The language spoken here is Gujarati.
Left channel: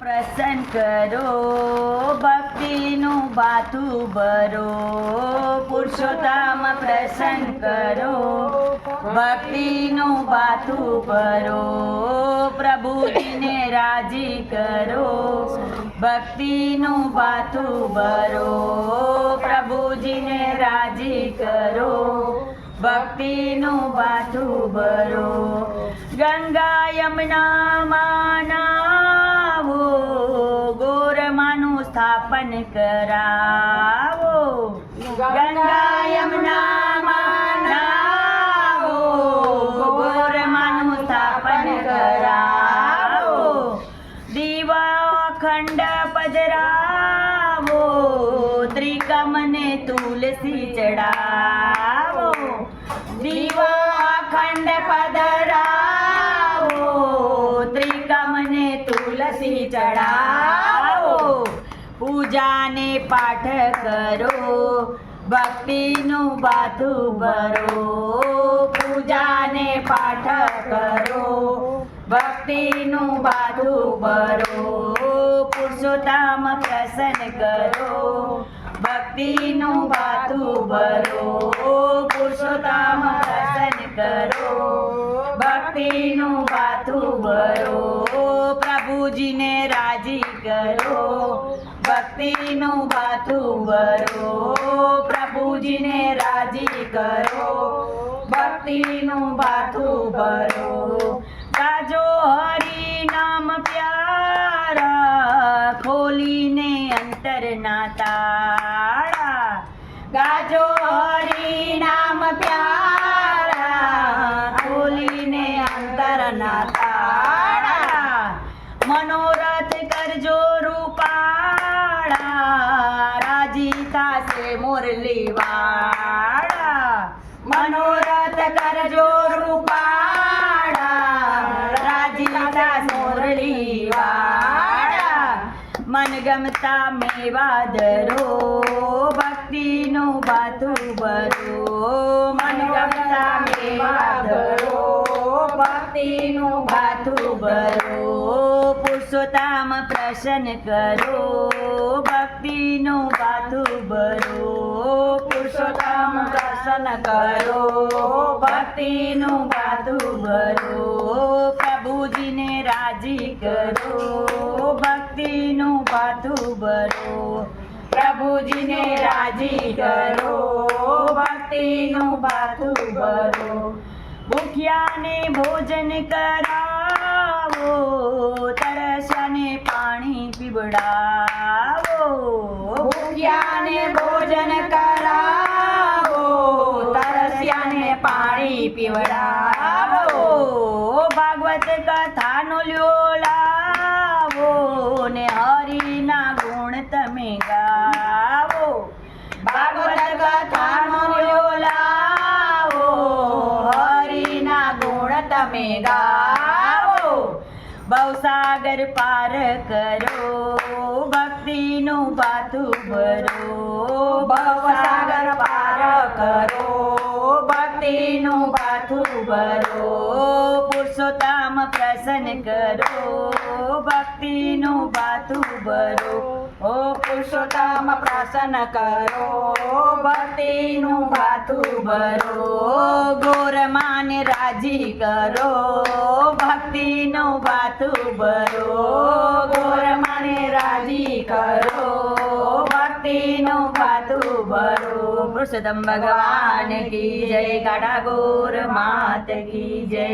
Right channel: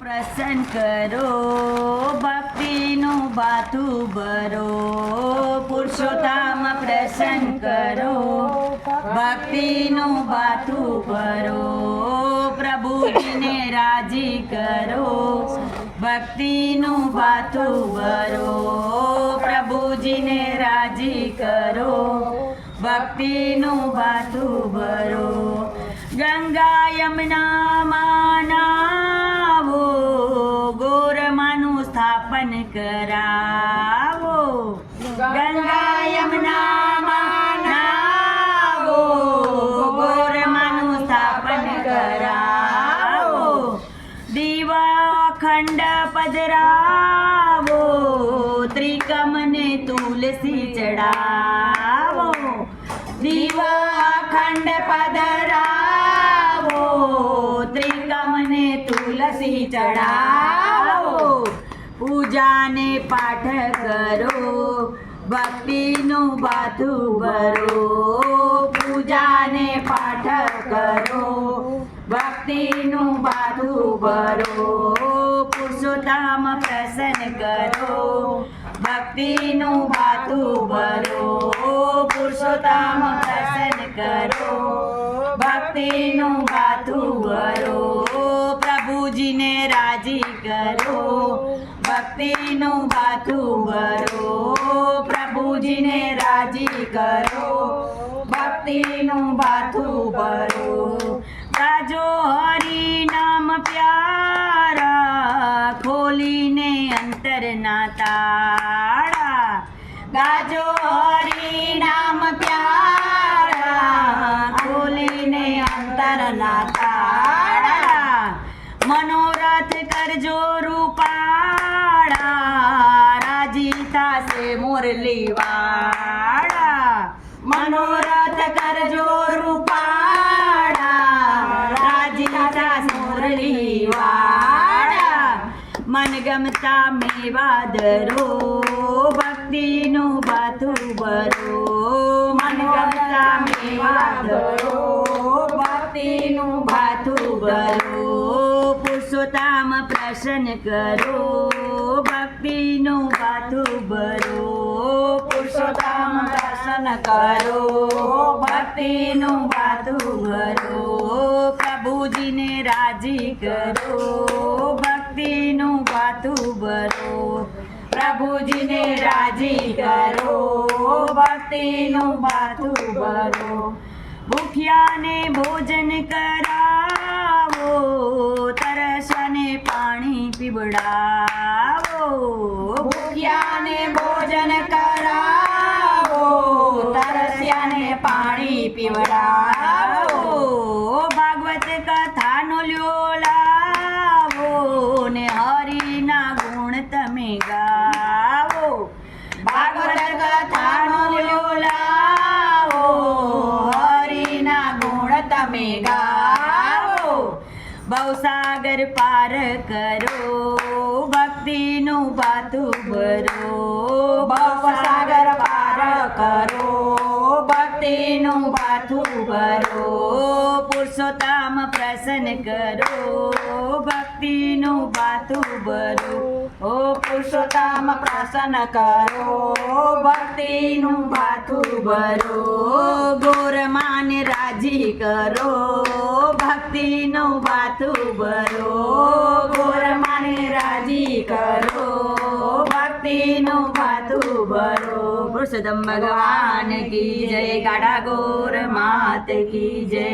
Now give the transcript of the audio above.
પ્રસન્ન કરો ભક્તિનું બાથું ભરો પુરુષોત્તમ પ્રસન્ન કરો ભક્તિનું બાથું ભરો પ્રભુજીને રાજી કરો ભક્તિનું બાથું ભરો પ્રભુજીને રાજી કરો ભક્તિનું બાથું ભરો ગંગા યમુનામાં નાવો ગોરમાનું સ્થાપન કરાવો ગંગા યમુનામાં નાવો ગોરમાનું સ્થાપન કરાવો દીવા અખંડ પધરાવો ત્રિકમને તુલસી ચડાવો દીવા અખંડ પધરાવો ત્રિકમને તુલસી ચડાવો પૂજાને પાઠ કરો ભક્તિનું બાથું ભરો પૂજાને પાઠ કરો ભક્તિનું બાથું ભરો પુરુષોત્તમ પ્રસન્ન કરો ભક્તિનું બાથું ભરો પુરુષોત્તમ પ્રસન્ન કરો ભક્તિનું બાથું ભરો પ્રભુજીને રાજી કરો ભક્તિનું બાથું ભરો પ્રભુજીને રાજી કરો ભક્તિનું બાથું ભરો ગાજો હરિ નામ પ્યારા ખોલીને અંતરના તાળા ગાજો હરિ નામ પ્યારા ખોલીને અંતરના તાળા મનોરથ કરજો રૂપાળા રાજી થાશે મુરલીવાળા મનોરથ કરજો રૂપાળા રાજી થાશે મુરલીવાળા મનગમતા મેવા ધરો ભક્તિનું બાથું ભરો મનગમતા મેવા ધરો ભક્તિનું બાથું ભરો પુરુષોત્તમ પ્રસન્ન કરો ભક્તિનું બાથું ભરો પુરુષોત્તમ પ્રસન્ન કરો ભક્તિનું બાથું ભરો પ્રભુજીને રાજી કરો ભક્તિનું બાથું ભરો પ્રભુજીને રાજી કરો ભક્તિનું બાથું ભરો ભૂખ્યાને ભોજન કરાવો તરસ્યાને પાણી પીવડાવો ભૂખ્યાને ભોજન કરાવો તરસ્યાને પાણી પીવડાવો ભાગવત કથાનો લ્યો લાવો ને હરિના ગુણ તમે ગાવો ભાગવત કથાનો લ્યો લાવો હરિના ગુણ તમે ગાવો ભવસાગર પાર કરો ભક્તિનું બાથું ભરો ભવસાગર પાર કરો ભક્તિનું બાથું ભરો પુરુષોત્તમ પ્રસન્ન કરો ભક્તિનું બાથું ભરો ઓ પુરુષોત્તમ પ્રસન્ન કરો ભક્તિનું બાથું ભરો ગોરમાને રાજી કરો ભક્તિનું બાથું ભરો ગોરમાને રાજી કરો ભક્તિનું બાથું ભરો પુરુષોત્તમ ભગવાન કી જય ગાડા ગોર માત કી જય।